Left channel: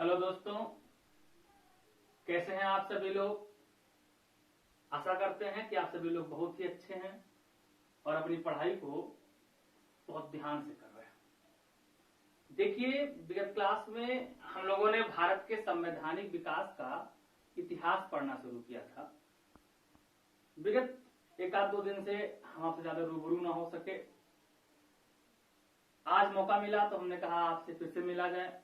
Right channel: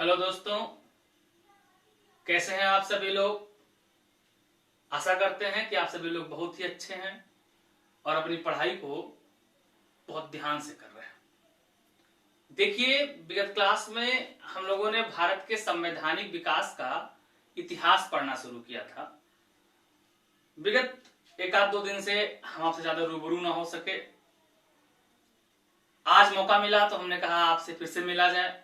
Hello दोस्तों, कैसे हैं आप सभी लोग। आशा करते हैं कि आप सभी लोग बहुत ही अच्छे हैं और अपनी पढ़ाई को बहुत ध्यान से कर रहे हैं। देखिए, विगत क्लास में हम लोगों ने भारत के संवैधानिक विकास का इतिहास पढ़ना शुरू किया था। विगत एक आध दो दिन से हम आपसे ज्यादा रूबरू ना हो सके। आज मौका मिला तो हमने कहा आपसे फिर से मिला जाए।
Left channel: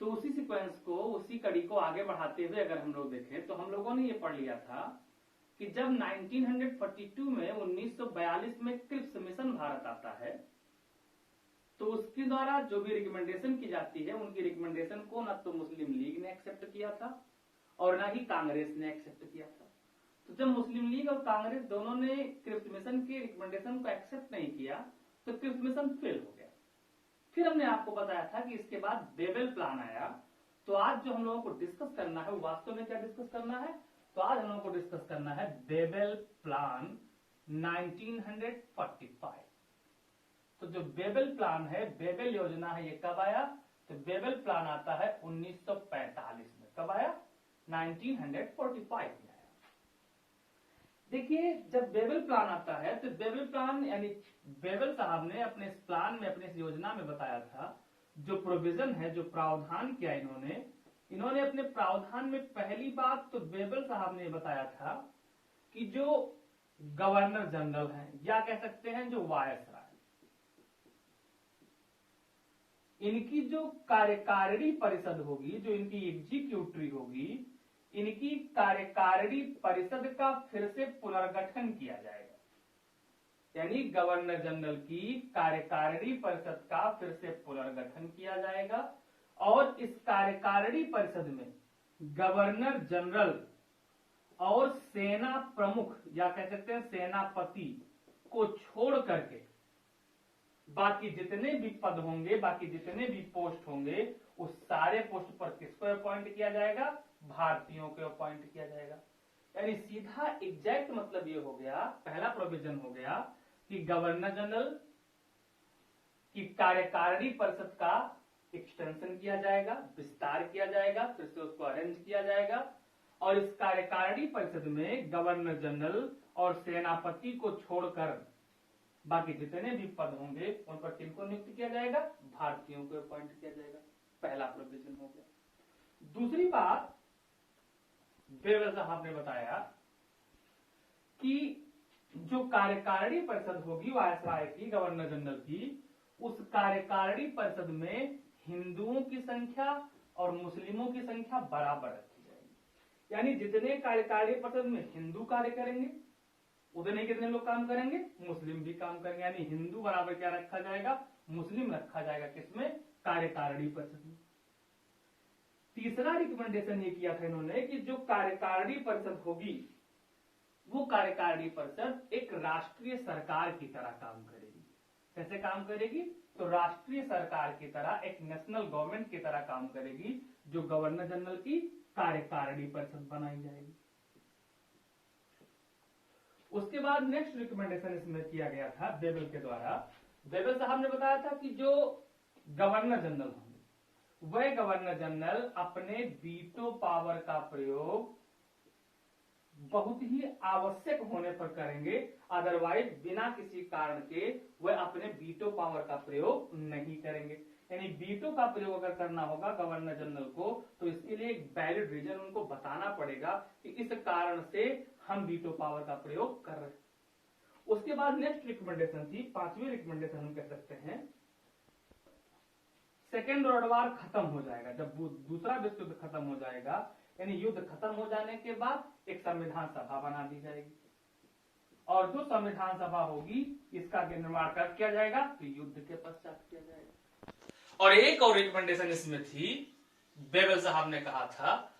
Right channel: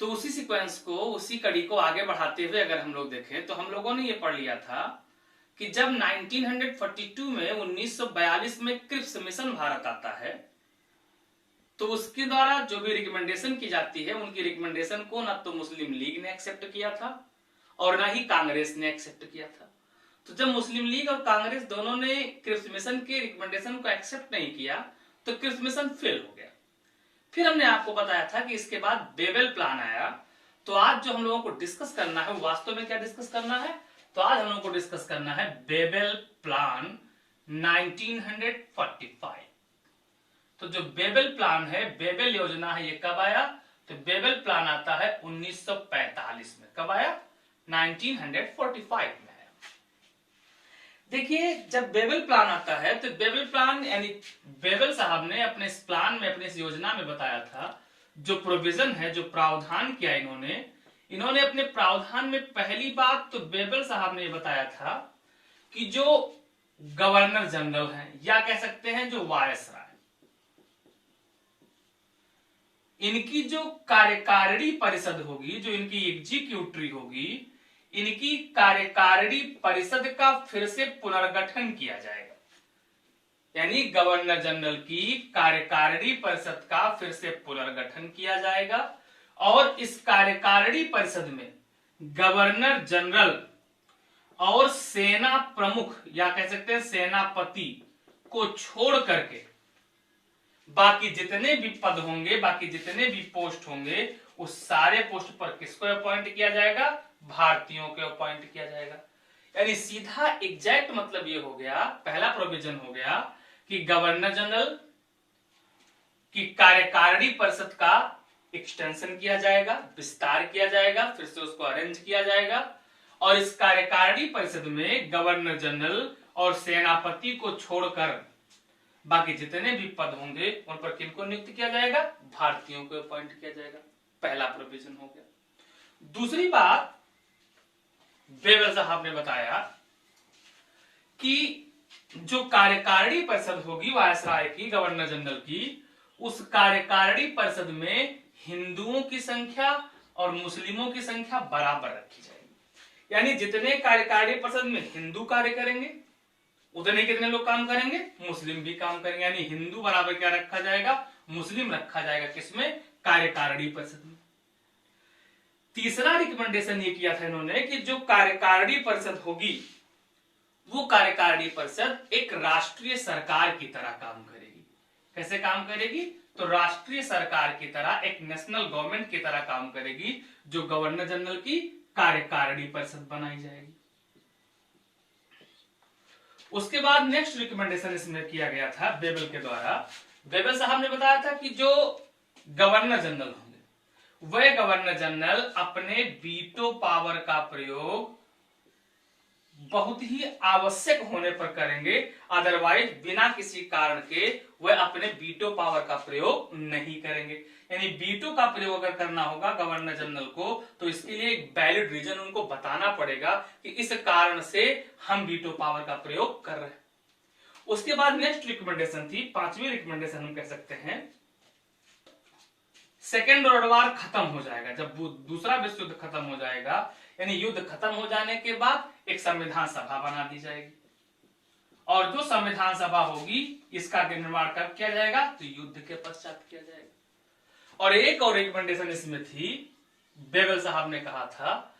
तो उसी सीक्वेंस को, उसी कड़ी को आगे बढ़ाते हुए अगर हम लोग देखें तो हम लोगों ने ये पढ़ लिया था कि जब 1942 में 1942 में क्रिप्स मिशन भारत आता है तो उसके द्वारा जो भी रिकमेंडेशन की जाती है, उनकी रिकमेंडेशन को ना तो मुस्लिम लीग ने एक्सेप्ट किया था और ना ही कांग्रेस ने एक्सेप्ट किया था। तो जब मुस्लिम लीग और कांग्रेस दोनों ने क्रिप्स मिशन के रिकमेंडेशन को एक्सेप्ट नहीं किया तो क्रिप्स मिशन फेल हो गया। फिर हमने आपको बताया था कि इसके बाद बेबल प्लान आया। तो आज जो हम लोगों को डिस्कस करना है, वास्तव में क्या डिस्कस करना है, तो आज हम लोगों को डिस्कस करना है बेबल प्लान 1945। तो जो बेबल प्लान है, बेबल योजना है, ये कब आया? तो बेबल प्लान आता है 1945 में। कब आया? 1945 में। देखिए, जब बेबल प्लान आता है तो बेबल प्लान यानी बेबल साहब ने अपने इस प्लान में, अपने इस योजना में बताया था, जो प्रोविजन है, जो प्रावधान किया इन्होंने अपने प्रावधान में पहली बात तो बेबल साहब ने बताया था कि जो गवर्नर जनरल हैं, या कह सकते हैं जो वायसराय, इनकी जो कार्यकारिणी परिषद होगी, जो इनकी एग्जीक्यूटिव होगी, इनकी कार्यकारिणी परिषद का फिर से पुनर्गठन किया जाएगा। यानी गवर्नर जनरल की कार्यकारिणी परिषद का फिर से पुनर्गठन किया जाएगा और इस कार्यकारिणी परिषद में गवर्नर जनरल और सेना प्रमुख, या कह सकते हैं सेनापति को छोड़ करके बाकी जितने भी पद होंगे, बाकी जितने भी पोस्ट होंगे, उस सारे पोस्ट पर किसको अपॉइंट किया जाएगा? भारतीयों को अपॉइंट किया जाएगा। यानी सीधा एग्जैक्ट मतलब ये हो गया, पहला प्रोविजन हो गया कि गवर्नर जनरल की कार्यकारिणी परिषद का एक्सटेंशन किया जाएगा, विस्तार किया जाएगा, फिर से उसको अरेंज किया जाएगा और इस कार्यकारिणी परिषद में गवर्नर जनरल और सेनापति को छोड़कर बाकी जितने भी पद होंगे उन पर किनको नियुक्त किया जाएगा? भारतीयों को अपॉइंट किया जाएगा। पहला प्रोविजन हो गया। दूसरी बात, बेबल साहब ने बताया कि जो कार्यकारिणी परिषद होगी वायसराय की, गवर्नर जनरल की, उस कार्यकारिणी परिषद में हिंदुओं की संख्या और मुस्लिमों की संख्या बराबर रखी जाएगी। यानी जितने कार्यकारिणी परिषद में हिंदू कार्य करेंगे उतने कितने लोग काम करेंगे? मुस्लिम भी काम करेंगे। यानी हिंदू बराबर क्या रखा जाएगा? मुस्लिम रखा जाएगा। किसमें? कार्यकारिणी परिषद में। तीसरा रिकमेंडेशन ये किया था इन्होंने कि जो कार्यकारिणी परिषद होगी वो कार्यकारिणी परिषद एक राष्ट्रीय सरकार की तरह काम करेगी। कैसे काम करेगी? तो राष्ट्रीय सरकार की तरह, एक नेशनल गवर्नमेंट की तरह काम करेगी, जो गवर्नर जनरल की कार्यकारिणी परिषद बनाई जाएगी। उसके बाद नेक्स्ट रिकमेंडेशन इसमें किया गया था बेबल के द्वारा। बेबल साहब ने बताया था कि जो गवर्नर जनरल होंगे वह गवर्नर जनरल अपने वीटो पावर का प्रयोग बहुत ही आवश्यक होने पर करेंगे, अदरवाइज बिना किसी कारण के वह अपने वीटो पावर का प्रयोग नहीं करेंगे। यानी वीटो का प्रयोग अगर करना होगा गवर्नर जनरल को तो इसके लिए एक वैलिड रीजन उनको बताना पड़ेगा कि इस कारण से हम वीटो पावर का प्रयोग कर रहे हैं। उसके बाद नेक्स्ट रिकमेंडेशन थी, पांचवी रिकमेंडेशन हम कह सकते हैं, सेकेंड वर्ल्ड वॉर खत्म हो जाएगा। जब दूसरा विश्व युद्ध खत्म हो जाएगा, यानी युद्ध खत्म हो जाने के बाद एक संविधान सभा बना दी जाएगी और जो संविधान सभा होगी इसका निर्माण कब किया जाएगा? तो युद्ध के पश्चात किया जाएगा। और एक और रिकमेंडेशन इसमें थी, बेबल साहब ने कहा था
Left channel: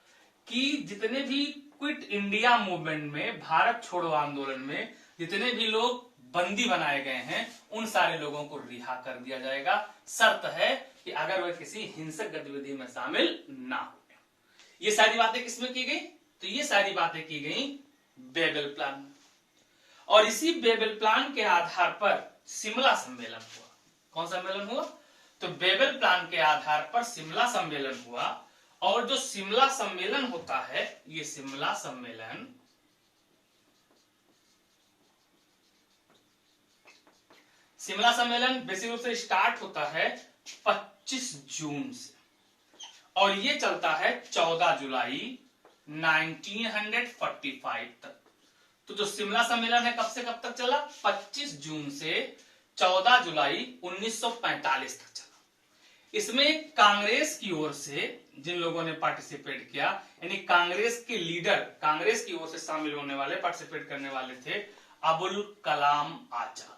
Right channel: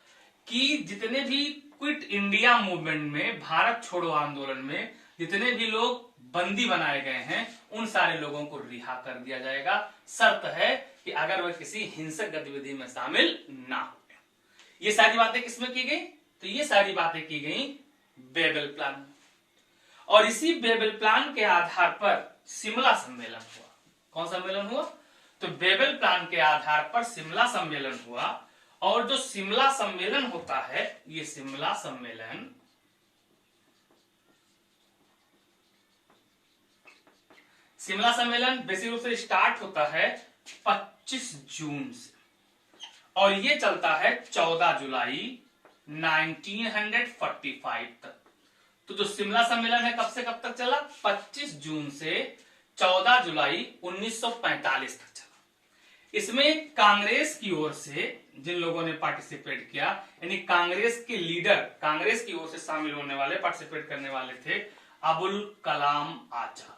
कि जितने भी क्विट इंडिया मूवमेंट में, भारत छोड़ो आंदोलन में जितने भी लोग बंदी बनाए गए हैं उन सारे लोगों को रिहा कर दिया जाएगा। शर्त है कि अगर वह किसी हिंसक गतिविधि में शामिल ना हो। ये सारी बातें किसमें की गई? तो ये सारी बातें की गई बेबल प्लान। और इसी बेबल प्लान के आधार पर शिमला सम्मेलन हुआ। कौन सम्मेलन हुआ? तो बेबल प्लान के आधार पर शिमला सम्मेलन हुआ, और जो शिमला सम्मेलन होता है, ये शिमला सम्मेलन बेसिक रूप से स्टार्ट होता है 25 जून से, और ये चलता है 14 जुलाई 1945 तक। तो जो शिमला सम्मेलन है कब से कब तक चला? 25 जून से 14 जुलाई 1945 तक चला। इसमें कांग्रेस की ओर से जिन लोगों ने पार्टिसिपेट किया, यानी कांग्रेस के लीडर, कांग्रेस की ओर से शामिल होने वाले, पार्टिसिपेट करने वाले थे अबुल कलाम आजाद।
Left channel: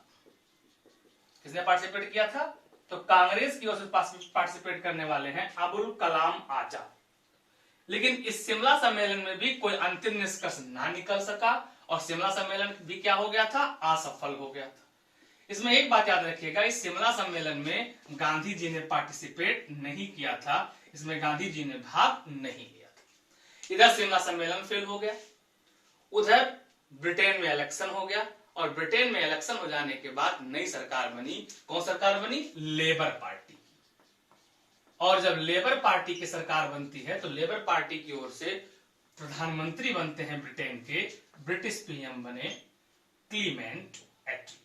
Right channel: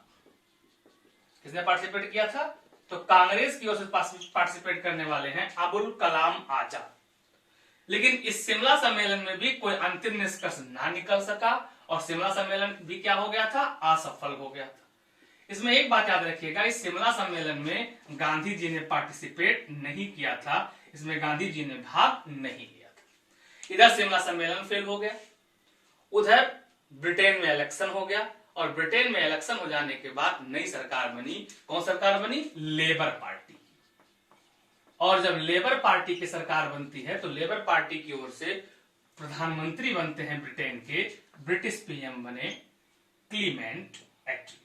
किसने पार्टिसिपेट किया था? तो कांग्रेस की ओर से पार्टिसिपेट करने वाले हैं अबुल कलाम आजाद। लेकिन इस शिमला सम्मेलन में भी कोई अंतिम निष्कर्ष ना निकल सका, और शिमला सम्मेलन भी क्या हो गया था? असफल हो गया था। इसमें एक बात याद रखिएगा, इस शिमला सम्मेलन में गांधी जी ने पार्टिसिपेट नहीं किया था, इसमें गांधी जी ने भाग नहीं लिया था। इधर शिमला सम्मेलन फेल हो गया, उधर ब्रिटेन में इलेक्शन हो गया, और ब्रिटेन में इलेक्शन हो जाने के बाद नई सरकार बनी। कौन सरकार बनी? Labour party. और जब लेबर पार्टी की सरकार बनती है तो लेबर पार्टी की ओर से प्रधानमंत्री बनते हैं ब्रिटेन के, ब्रिटिश पीएम बने क्लीमेंट एटली।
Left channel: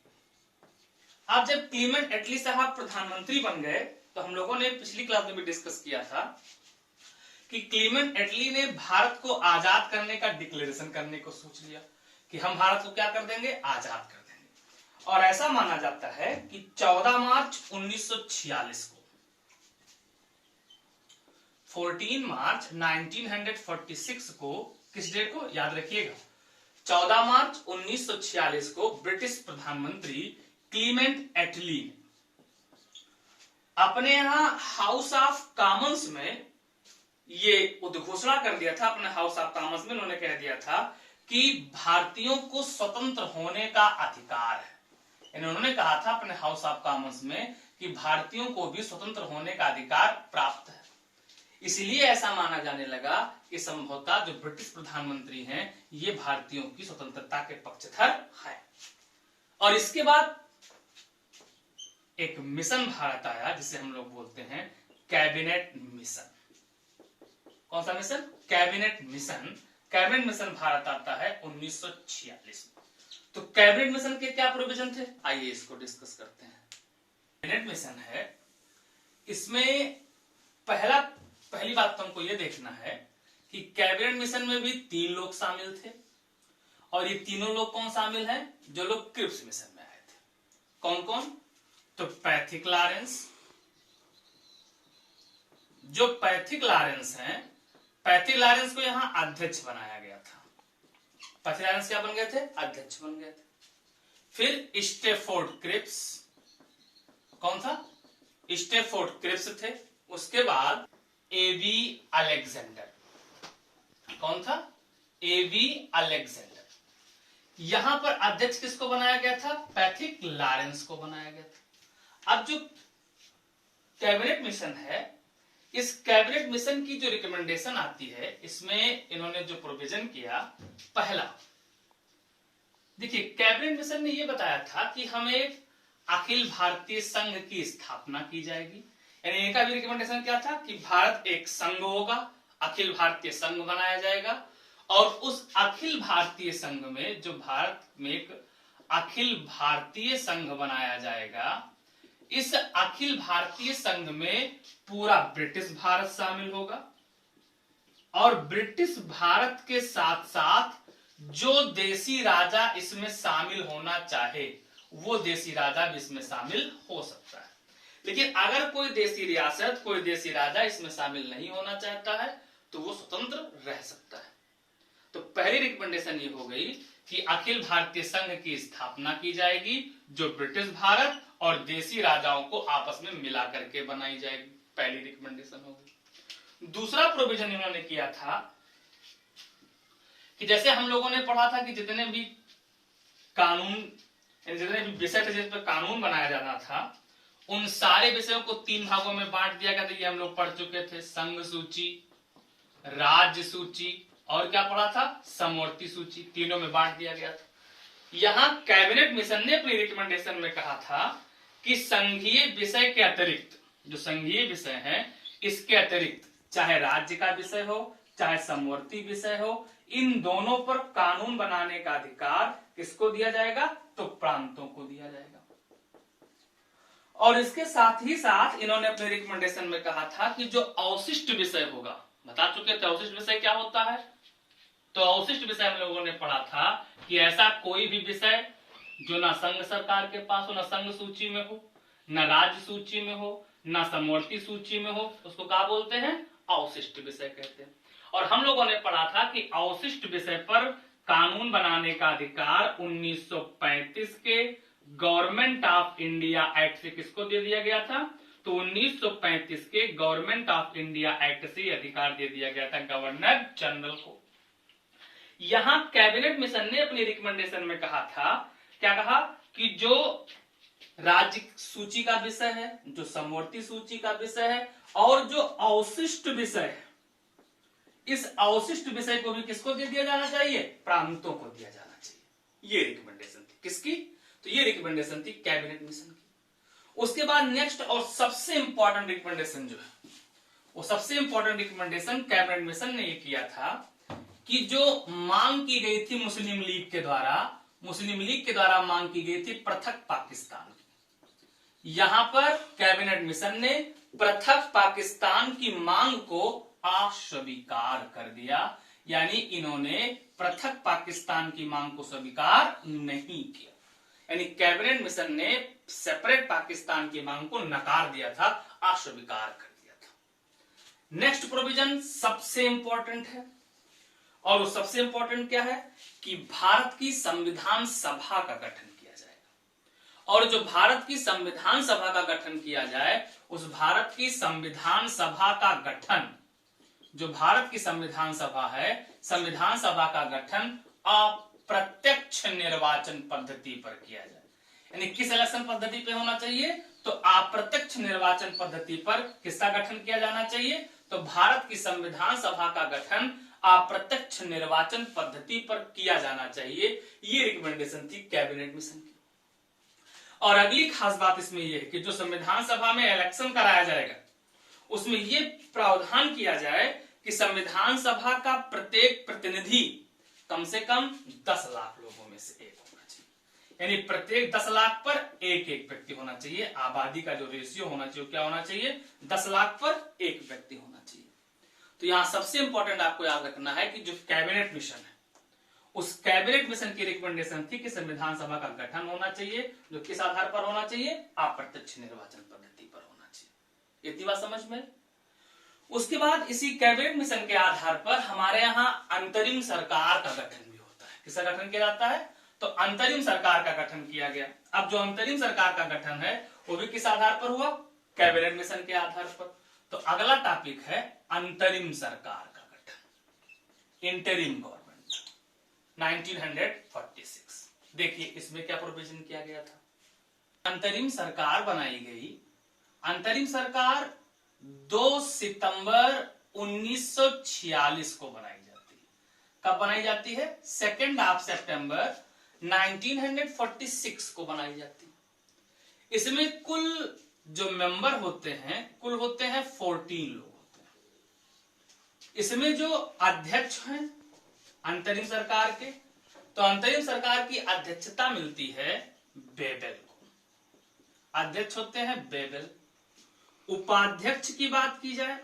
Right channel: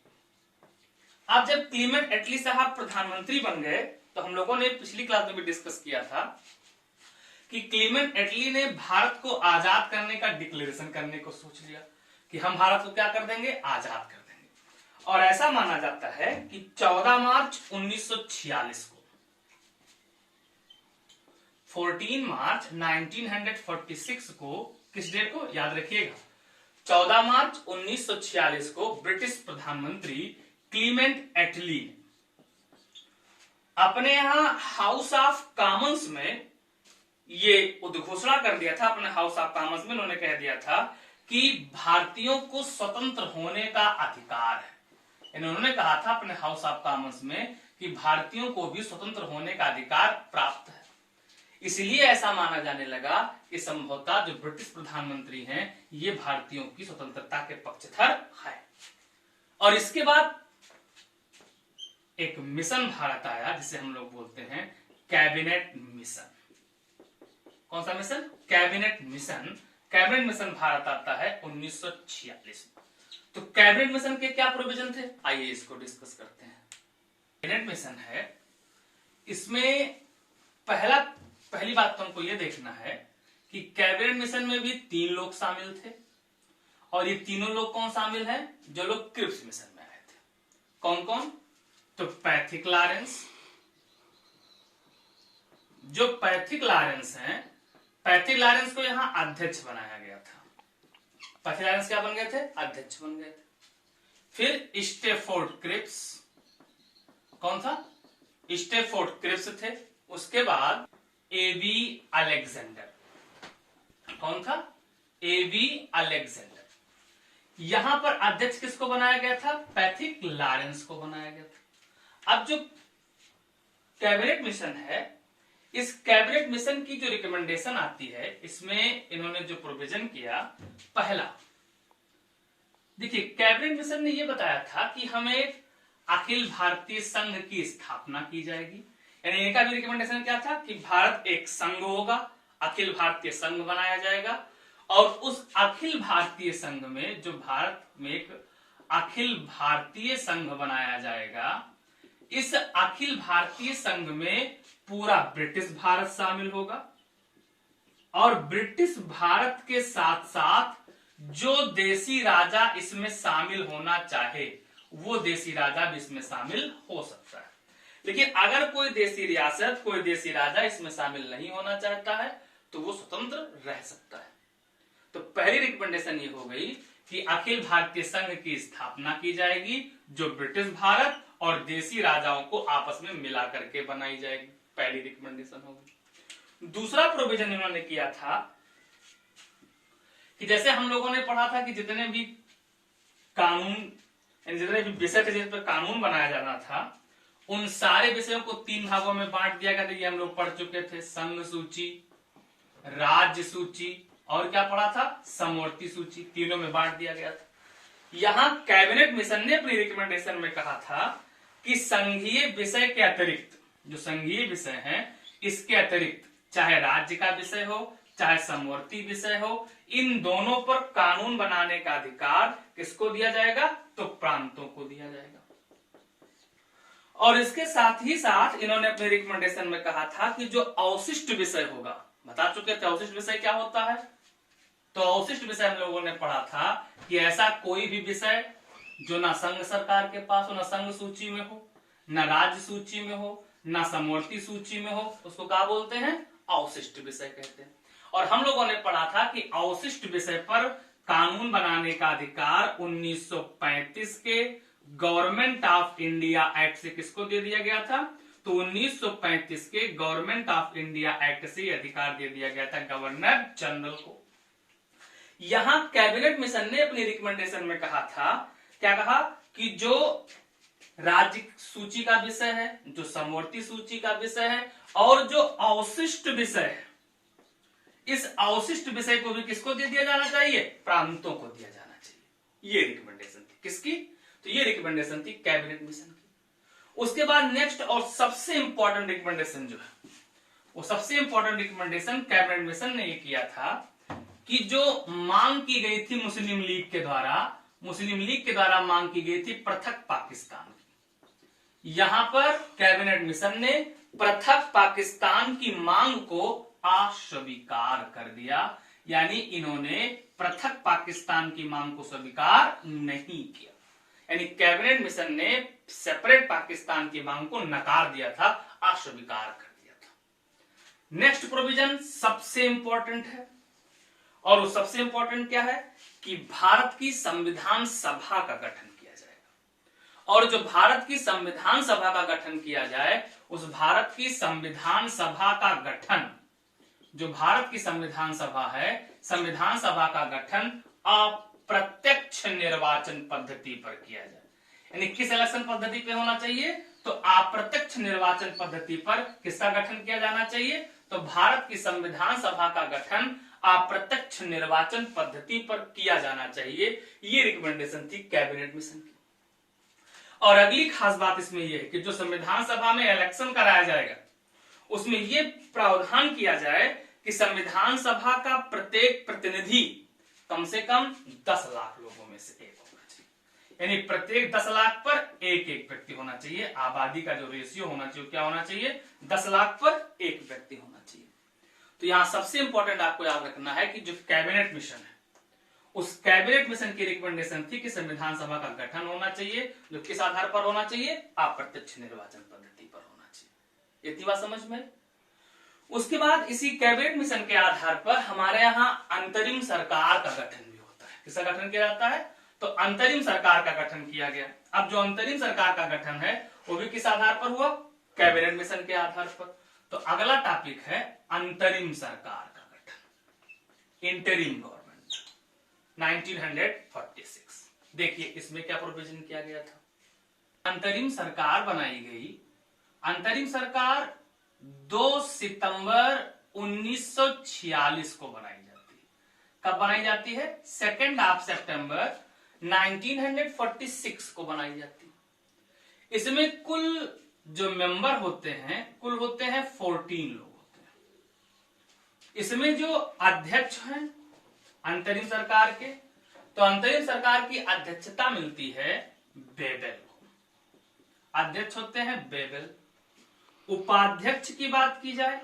अब जब क्लीमेंट एटली साहब प्रधानमंत्री बन गए, तो हम लोगों ने पिछली क्लास में भी डिस्कस किया था कि क्लीमेंट एटली ने भारत को आजाद करने का डिक्लेरेशन करने को सोच लिया कि हम भारत को क्या कर देंगे? आजाद कर देंगे। और ऐसा माना जाता है कि 14 मार्च 1946 को, 14 मार्च 1946 को, किस डेट को याद रखिएगा? 14 मार्च 1946 को ब्रिटिश प्रधानमंत्री क्लीमेंट एटली अपने यहां हाउस ऑफ कॉमन्स में ये उद्घोषणा कर दिया था। अपने हाउस ऑफ कॉमन्स में उन्होंने कह दिया था कि भारतीयों को स्वतंत्र होने का अधिकार है। उन्होंने कहा था अपने हाउस ऑफ कॉमन्स में कि भारतीयों को भी स्वतंत्र होने का अधिकार प्राप्त है। इसलिए ऐसा माना जाने लगा कि संभवतः जो ब्रिटिश प्रधानमंत्री हैं ये भारतीयों की स्वतंत्रता के पक्षधर है। और इसके बाद एक मिशन भारत आया जिसे हम लोग बोलते हैं कैबिनेट मिशन। कौन सा mission? Cabinet mission. Cabinet mission Bharat आता है 1946 में। तो कैबिनेट मिशन के क्या प्रोविजन थे, आइए इसको डिस्कस करते हैं। कैबिनेट मिशन है, इसमें पहली बात तो हमको यह देखना है कि कैबिनेट मिशन में भी 3 लोग शामिल थे, और ये तीनों लोग कौन शामिल हैं? जो लोग क्रिप्स मिशन में आए थे। कौन कौन? तो पैथिक लॉरेंस, जो पैथिक लॉरेंस हैं, पैथिक लॉरेंस को यहां अध्यक्ष बनाया गया था। पैथिक लॉरेंस क्या बन गए थे? अध्यक्ष बन गए थे। फिर स्टेफोर्ड क्रिप्स, कौन था? स्टेफोर्ड क्रिप्स थे। उसके बाद एबी अलेक्जेंडर, कौन था? AB Alexander. यहां पर अध्यक्ष किसको बनाया गया था? पैथिक लॉरेंस को बनाया गया था। अब जो कैबिनेट मिशन है, इस कैबिनेट मिशन की जो रिकमेंडेशन आती है, इसमें इन्होंने जो प्रोविजन किया, पहला देखिए, कैबिनेट मिशन ने यह बताया था कि हमें अखिल भारतीय संघ की स्थापना की जाएगी। यानी इनका भी रिकमेंडेशन क्या था कि भारत एक संघ होगा, अखिल भारतीय संघ बनाया जाएगा, और उस अखिल भारतीय संघ में, जो भारत में एक अखिल भारतीय संघ बनाया जाएगा, इस अखिल भारतीय संघ में पूरा ब्रिटिश भारत शामिल होगा, और ब्रिटिश भारत के साथ साथ जो देसी राजा इसमें शामिल होना चाहे वो देसी राजा भी इसमें शामिल हो सकता है। लेकिन अगर कोई देसी रियासत, कोई देसी राजा इसमें शामिल नहीं होना चाहता है तो वो स्वतंत्र रह सकता है। तो पहली रिकमेंडेशन ये हो गई कि अखिल भारतीय संघ की स्थापना की जाएगी, जो ब्रिटिश भारत और देसी राजाओं को आपस में मिला करके बनाई जाएगी। पहली रिकमेंडेशन होगी। दूसरा प्रोविजन इन्होंने किया था कि जैसे हम लोगों ने पढ़ा था कि जितने भी कानून, जितने भी विषय थे जिस पर कानून बनाया जाना था, उन सारे विषयों को 3 भागों में बांट दिया गया था। ये हम लोग पढ़ चुके थे, संघ सूची, राज्य सूची, और क्या पढ़ा था? समवर्ती सूची। तीनों में बांट दिया गया था। यहां कैबिनेट मिशन ने अपनी रिकमेंडेशन में कहा था कि संघीय विषय के अतिरिक्त जो संघीय विषय है, इसके अतिरिक्त चाहे राज्य का विषय हो चाहे समवर्ती विषय हो, इन दोनों पर कानून बनाने का अधिकार किसको दिया जाएगा? तो प्रांतों को दिया जाएगा। और इसके साथ ही साथ इन्होंने अपने रिकमेंडेशन में कहा था कि जो अवशिष्ट विषय होगा, बता चुके थे अवशिष्ट विषय क्या होता है। तो अवशिष्ट विषय हम लोगों ने पढ़ा था कि ऐसा कोई भी विषय जो ना संघ सरकार के पास हो, ना संघ सूची में हो, ना राज्य सूची में हो, ना समवर्ती सूची में हो, उसको क्या बोलते हैं? अवशिष्ट विषय कहते हैं। और हम लोगों ने पढ़ा था कि अवशिष्ट विषय पर कानून बनाने का अधिकार 1935 के गवर्नमेंट ऑफ इंडिया एक्ट से किसको दे दिया गया था? तो 1935 के गवर्नमेंट ऑफ इंडिया एक्ट से अधिकार दे दिया गया था गवर्नर जनरल को। यहां कैबिनेट मिशन ने अपनी रिकमेंडेशन में कहा था, क्या कहा? कि जो राज्य सूची का विषय है, जो समवर्ती सूची का विषय है, और जो अवशिष्ट विषय है, इस अवशिष्ट विषय को भी किसको दे दिया जाना चाहिए? प्रांतों को दिया जाना चाहिए। ये रिकमेंडेशन थी किसकी? तो ये रिकमेंडेशन थी कैबिनेट मिशन की। उसके बाद नेक्स्ट और सबसे इंपॉर्टेंट रिकमेंडेशन जो है, वो सबसे इंपॉर्टेंट रिकमेंडेशन कैबिनेट मिशन ने ये किया था कि जो मांग की गई थी मुस्लिम लीग के द्वारा मांग की गई थी पृथक पाकिस्तान की। यहां पर कैबिनेट मिशन ने पृथक पाकिस्तान की मांग को अस्वीकार कर दिया, यानी इन्होंने पृथक पाकिस्तान की मांग को स्वीकार नहीं किया। यानी कैबिनेट मिशन ने सेपरेट पाकिस्तान की मांग को नकार दिया था, अस्वीकार कर दिया था। नेक्स्ट प्रोविजन सबसे इंपॉर्टेंट है, और वो सबसे इंपॉर्टेंट क्या है? कि भारत की संविधान सभा का गठन किया जाएगा। और जो भारत की संविधान सभा का गठन किया जाए, उस भारत की संविधान सभा का गठन, जो भारत की संविधान सभा है, संविधान सभा का गठन अप्रत्यक्ष निर्वाचन पद्धति पर किया जाए। यानी किस इलेक्शन पद्धति पे होना चाहिए? तो अप्रत्यक्ष निर्वाचन पद्धति पर किसका गठन किया जाना चाहिए? तो भारत की संविधान सभा का गठन अप्रत्यक्ष निर्वाचन पद्धति पर किया जाना चाहिए। ये रिकमेंडेशन थी कैबिनेट मिशन की। और अगली खास बात इसमें यह है कि जो संविधान सभा में इलेक्शन कराया जाएगा, उसमें यह प्रावधान किया जाए कि संविधान सभा का प्रत्येक प्रतिनिधि कम से कम 10 लाख लोगों में से एक होना चाहिए। यानी प्रत्येक 10 लाख पर एक एक व्यक्ति होना चाहिए। आबादी का जो रेशियो होना चाहिए, क्या होना चाहिए? 10 लाख पर एक व्यक्ति होना चाहिए। तो यहां सबसे इंपॉर्टेंट आपको याद रखना है कि जो कैबिनेट मिशन है, उस कैबिनेट मिशन की रिकमेंडेशन थी कि संविधान सभा का गठन होना चाहिए, जो किस आधार पर होना चाहिए? अप्रत्यक्ष निर्वाचन पद्धति पर होना चाहिए। इतनी बात समझ में? उसके बाद इसी कैबिनेट मिशन के आधार पर हमारे यहाँ अंतरिम सरकार का गठन भी होता है। किसका गठन किया जाता है? तो अंतरिम सरकार का गठन किया गया। अब जो अंतरिम सरकार का गठन है, वो भी किस आधार पर हुआ? कैबिनेट मिशन के आधार पर। तो अगला टॉपिक है अंतरिम सरकार का गठन, इंटरिम गवर्नमेंट, 1946। देखिए इसमें क्या प्रोविजन किया गया था। अंतरिम सरकार बनाई गई। अंतरिम सरकार 2 सितंबर 1946 को बनाई जाती है। कब बनाई जाती है? 2 सितंबर 1946 को बनाई जाती है। इसमें कुल जो मेंबर होते हैं, कुल होते हैं 14 लोग होते हैं। इसमें जो अध्यक्ष हैं अंतरिम सरकार के, तो अंतरिम सरकार की अध्यक्षता मिलती है बेबेल को। अध्यक्ष होते हैं बेबेल। उपाध्यक्ष की बात की जाए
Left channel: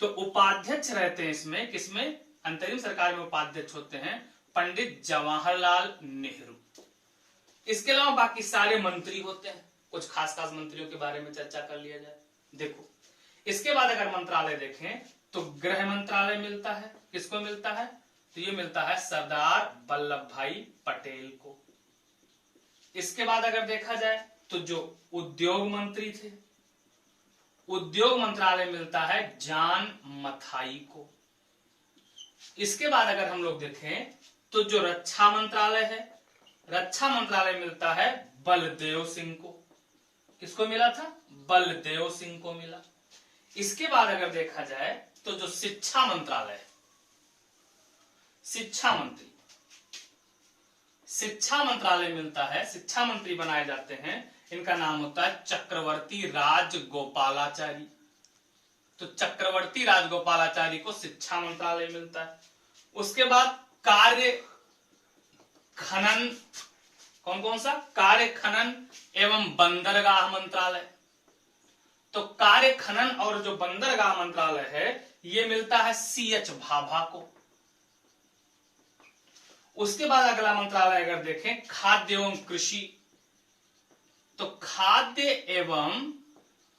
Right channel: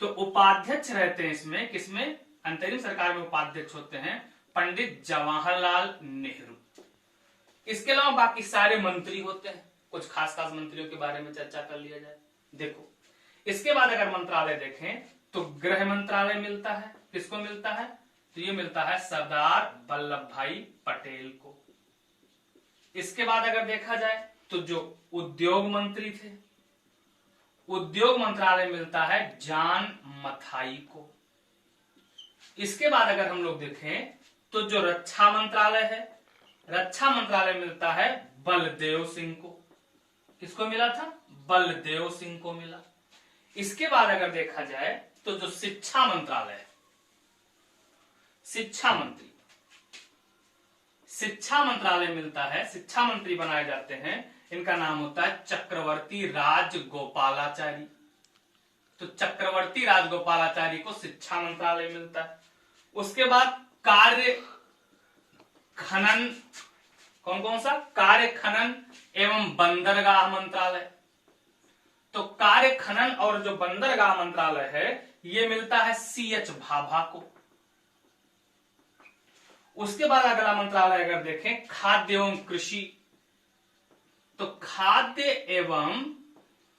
तो उपाध्यक्ष रहते हैं इसमें, किसमें? अंतरिम सरकार में उपाध्यक्ष होते हैं पंडित जवाहरलाल नेहरू। इसके अलावा बाकी सारे मंत्री होते हैं। कुछ खास मंत्रियों के बारे में चर्चा कर लिया जाए। देखो, इसके बाद अगर मंत्रालय देखें तो गृह मंत्रालय मिलता है। किसको मिलता है? तो ये मिलता है सरदार वल्लभ भाई पटेल को। इसके बाद अगर देखा जाए तो जो उद्योग मंत्री थे, उद्योग मंत्रालय मिलता है जॉन मथाई को। इसके बाद अगर हम लोग देखें तो जो रक्षा मंत्रालय है, रक्षा मंत्रालय मिलता है बलदेव सिंह को। किसको मिला था? बलदेव सिंह को मिला। इसके बाद अगर देखा जाए तो जो शिक्षा मंत्रालय है, शिक्षा मंत्री, शिक्षा मंत्रालय मिलता है, शिक्षा मंत्री बनाए जाते हैं इनका नाम होता है चक्रवर्ती राजगोपालाचारी। तो चक्रवर्ती राजगोपालाचारी को शिक्षा मंत्रालय मिलता है। उसके बाद कार्य खनन, कौन कौन सा? कार्य खनन एवं बंदरगाह मंत्रालय। तो कार्य खनन और जो बंदरगाह मंत्रालय है ये मिलता है CH भाभा को। उसके बाद अगला मंत्रालय अगर देखें खाद्य एवं कृषि, तो खाद्य एवं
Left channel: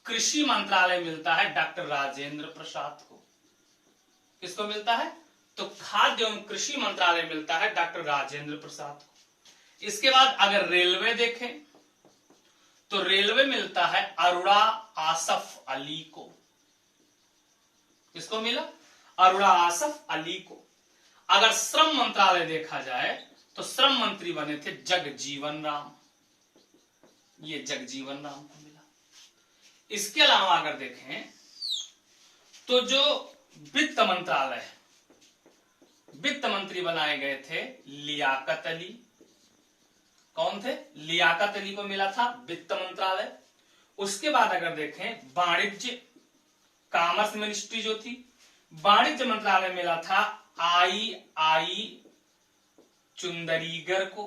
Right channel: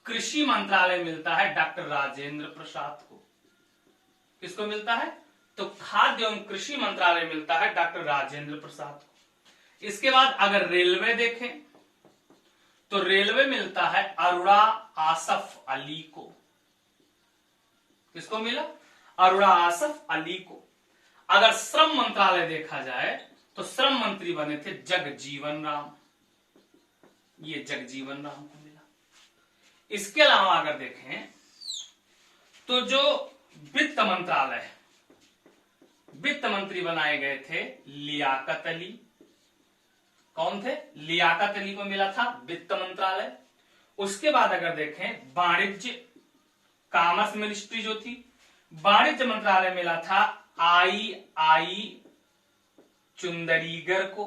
कृषि मंत्रालय मिलता है डॉक्टर राजेंद्र प्रसाद को। किसको मिलता है? तो खाद्य एवं कृषि मंत्रालय मिलता है डॉक्टर राजेंद्र प्रसाद को। इसके बाद अगर रेलवे देखें तो रेलवे मिलता है अरुणा आसफ अली को। किसको मिला? अरुणा आसफ अली को। अगर श्रम मंत्रालय देखा जाए तो श्रम मंत्री बने थे जगजीवन राम, ये जगजीवन राम को मिला। इसके अलावा अगर देखें तो जो वित्त मंत्रालय है, वित्त मंत्री बनाए गए थे लियाकत अली। कौन थे? लियाकत अली को मिला था वित्त मंत्रालय। उसके बाद अगर देखें वाणिज्य, कॉमर्स मिनिस्ट्री जो थी, वाणिज्य मंत्रालय मिला था आई चुंदरीगर को।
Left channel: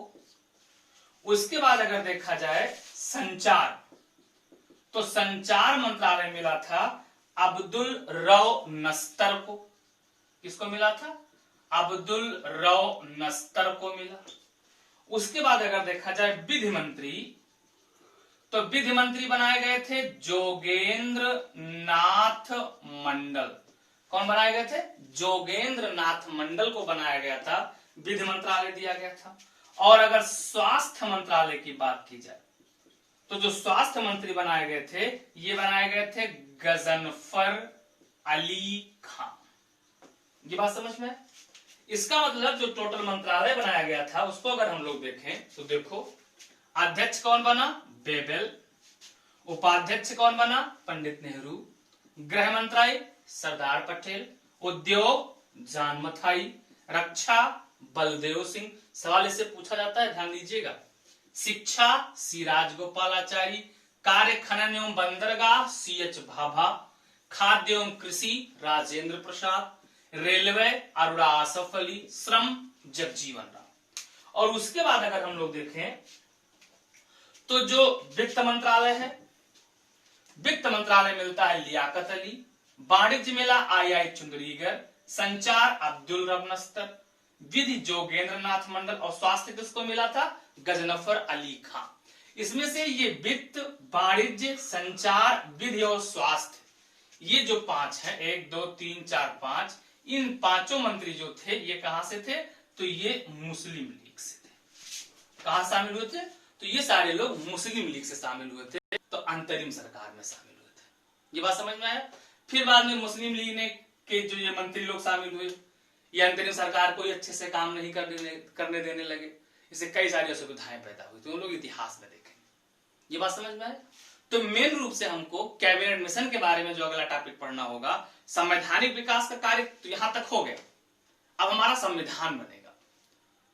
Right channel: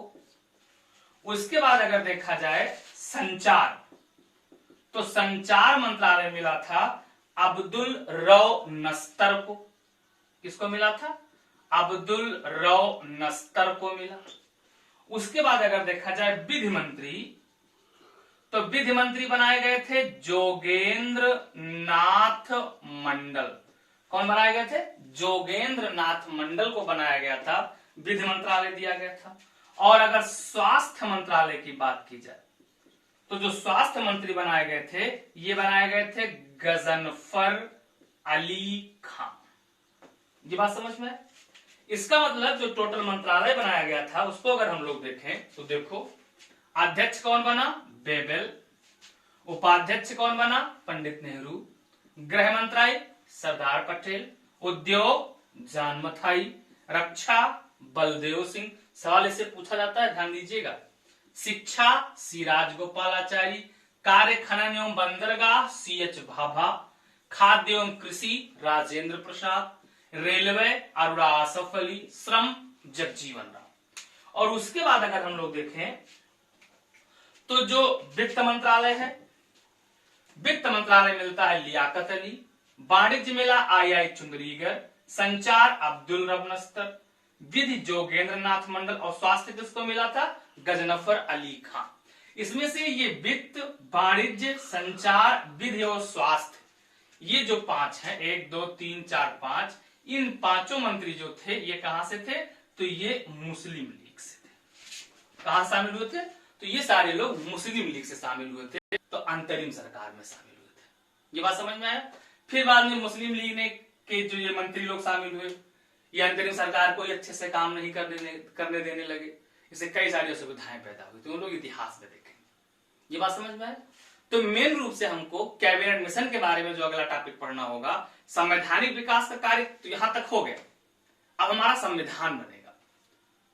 उसके बाद अगर देखा जाए संचार, तो संचार मंत्रालय मिला था अब्दुल रऊ नस्तर को। किसको मिला था? अब्दुल रऊ नस्तर को मिला। उसके बाद अगर देखा जाए विधि मंत्री, तो विधि मंत्री बनाए गए थे जोगेंद्र नाथ मंडल। कौन बनाए गए थे? जोगेंद्र नाथ मंडल को बनाया गया था, विधि मंत्रालय दिया गया था। और अगर स्वास्थ्य मंत्रालय की बात की जाए तो जो स्वास्थ्य मंत्री बनाए गए थे ये बनाए गए थे गजनफर अली खान। ये बात समझ में है? इसका मतलब जो टोटल मंत्रालय बनाया गया था उसको अगर हम लोग देखें तो देखो, अध्यक्ष कौन बना? बेबेल। उपाध्यक्ष कौन बना? पंडित नेहरू। गृह मंत्रालय सरदार पटेल। उद्योग जान मथाई। रक्षा बलदेव सिंह। सवाल इससे पूछा जाता है, ध्यान दीजिएगा। शिक्षा सी राजगोपालाचारी। कार्य खनन एवं बंदरगाह CH भाभा। खाद्य एवं कृषि राजेंद्र प्रसाद। रेलवे अरुणा आसफ अली। श्रम जगजीवन राम। और उसके बाद अगर हम लोग देखें तो जो वित्त मंत्रालय है, वित्त मंत्रालय मिलता है लियाकत अली। वाणिज्य मिला आई चुंदरीगर। संचार अब्दुल रब नस्तर। विधि जोगेंद्र नाथ मंडल। और स्वास्थ्य किसको मिला था? गजनफर अली खान। इसमें से ये वित्त, वाणिज्य, संचार, विधि और स्वास्थ्य, ये जो 5 हैं, 1 2 3 4 5, इन पांचों मंत्री जो थे ये कहां से थे? तो ये मुस्लिम लीग से थे। कहां शामिल हुए थे? तो ये सारे लोग मुस्लिम लीग से शामिल हुए थे, तो अंतरिम सरकार में शामिल हुए थे। ये बात समझ में आया? फिर बाद में मुस्लिम लीग ने के जो ये मंत्री लोग शामिल हुए, ये अंतरिम सरकार को अच्छे से काम नहीं करने देने लगे, इससे कई सारी असुविधाएं पैदा हुई, तो उन लोग इतिहास में देखेंगे। ये बात समझ में आया? तो मेन रूप से हमको कैबिनेट मिशन के बारे में जो अगला टॉपिक पढ़ना होगा, संवैधानिक विकास का कार्य तो यहां तक हो गया। अब हमारा संविधान बनेगा,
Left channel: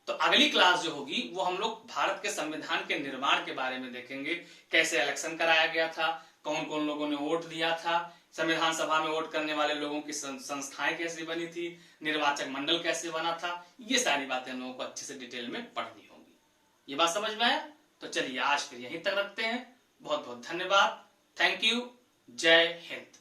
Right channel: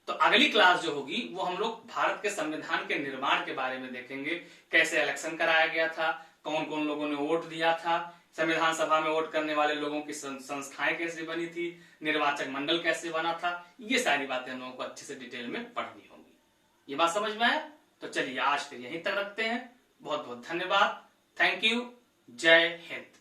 तो अगली क्लास जो होगी वो हम लोग भारत के संविधान के निर्माण के बारे में देखेंगे। कैसे इलेक्शन कराया गया था, कौन कौन लोगों ने वोट दिया था, संविधान सभा में वोट करने वाले लोगों की संस्थाएं कैसे बनी थी, निर्वाचक मंडल कैसे बना था, ये सारी बातें हम लोगों को अच्छे से डिटेल में पढ़नी होंगी। ये बात समझ में आया? तो चलिए आज फिर यहीं तक रखते हैं। बहुत बहुत धन्यवाद। Thank you. जय हिंद।